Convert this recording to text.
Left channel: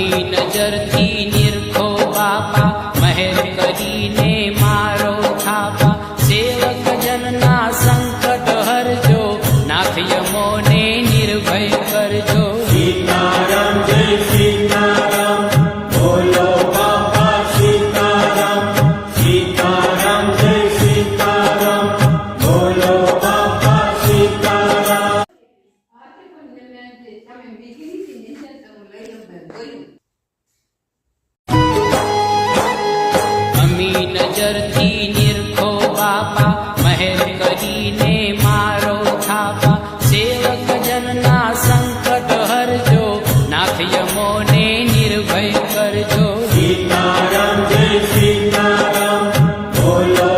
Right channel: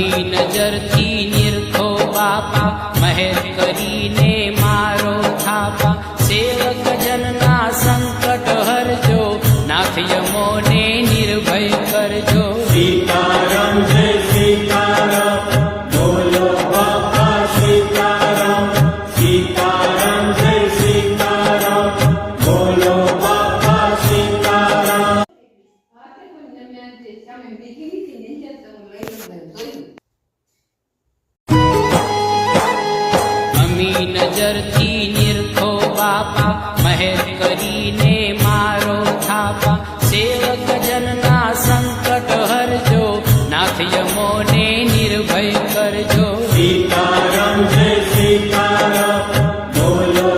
અમી નજરથી નિરખો બાપા, મહેર કરીને મારો થાપા. સેવક જનના સંકટ હરજો, નાથ યમોને નિર્ભય કરજો. સીતારામ જય સીતારામ, બોલો બાપા સીતારામ. સીતારામ જય સીતારામ, બોલો બાપા સીતારામ. અમી નજરથી નિરખો બાપા, મહેર કરીને મારો થાપા. સેવક જનના સંકટ હરજો, નાથ યમોને નિર્ભય કરજો. સીતારામ જય સીતારામ, બોલો